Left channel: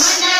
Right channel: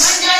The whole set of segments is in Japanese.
Yes.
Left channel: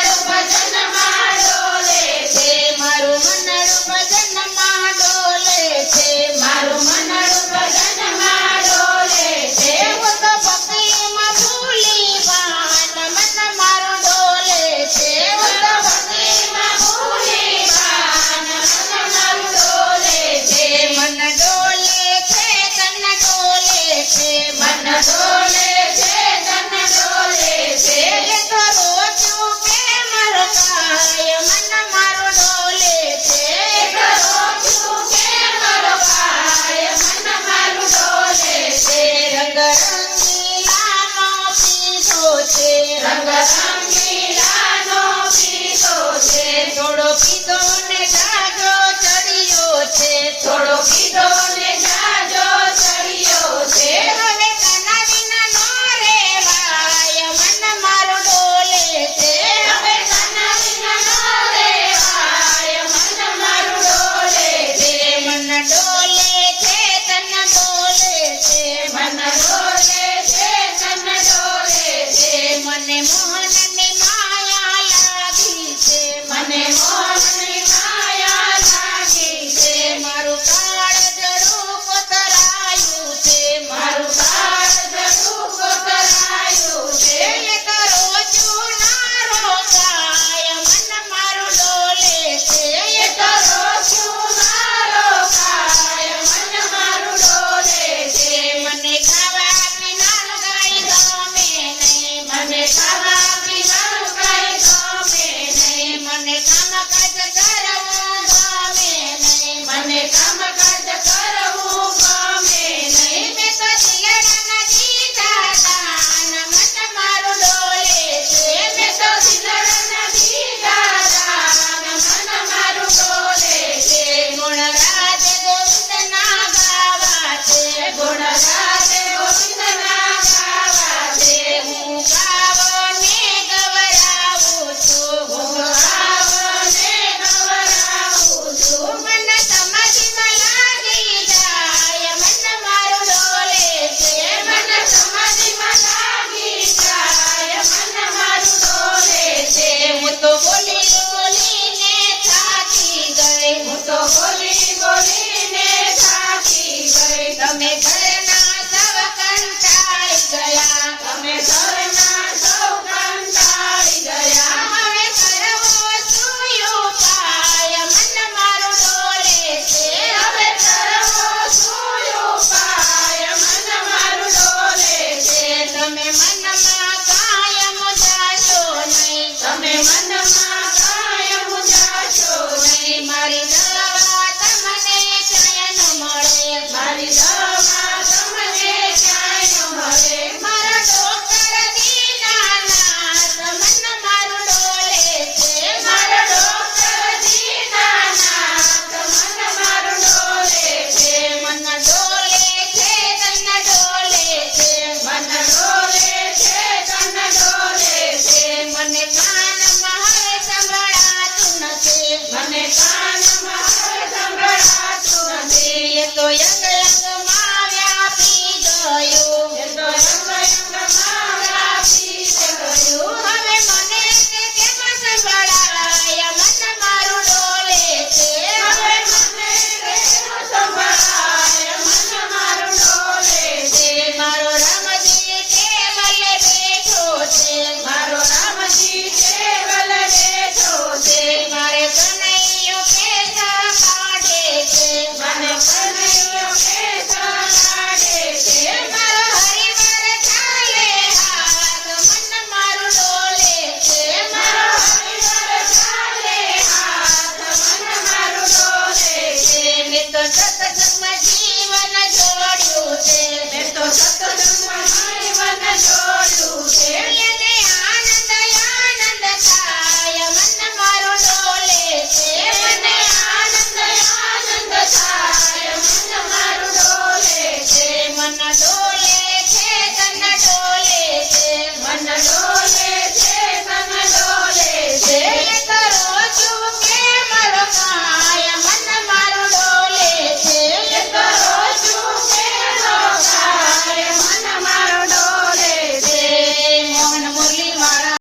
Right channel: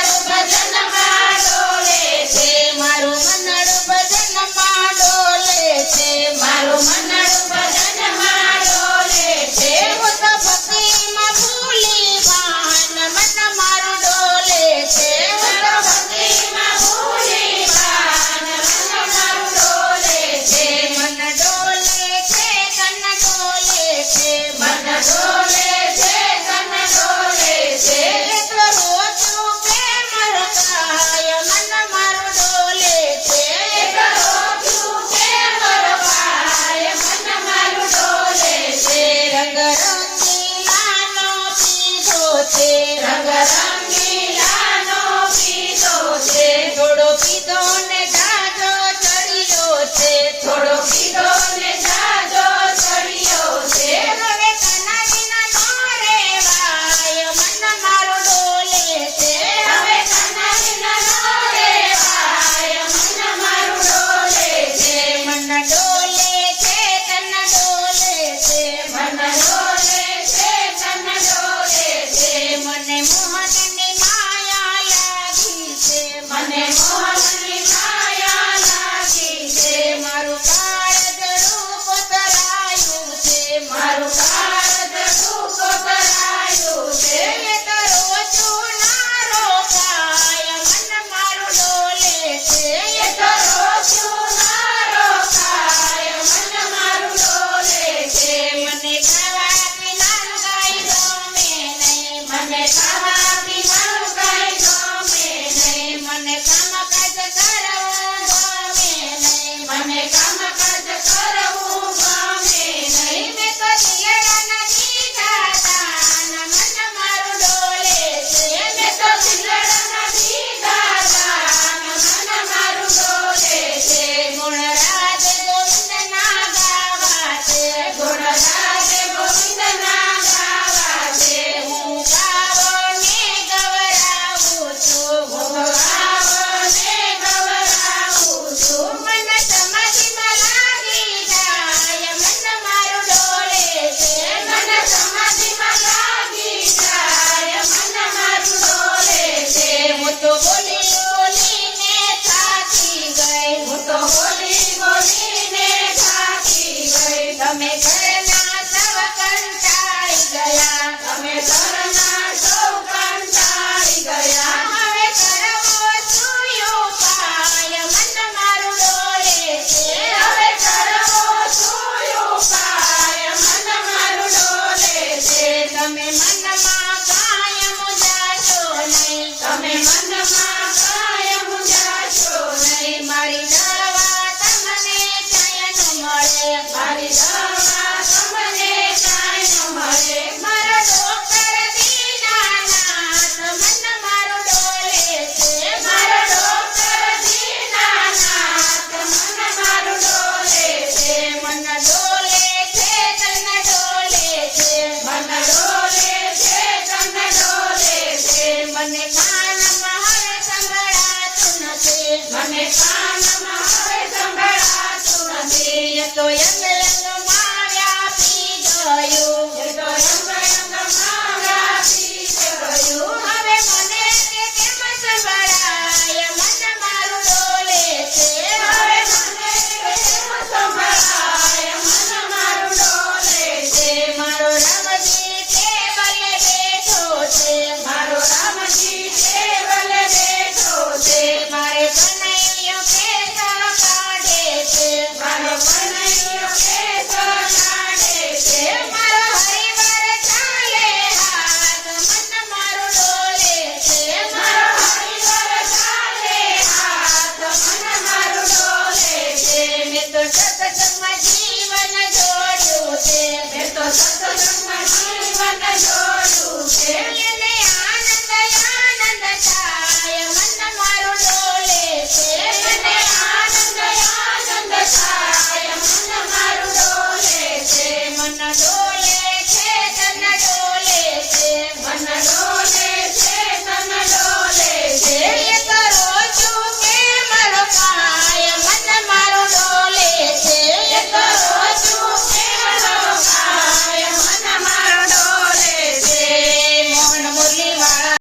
まいま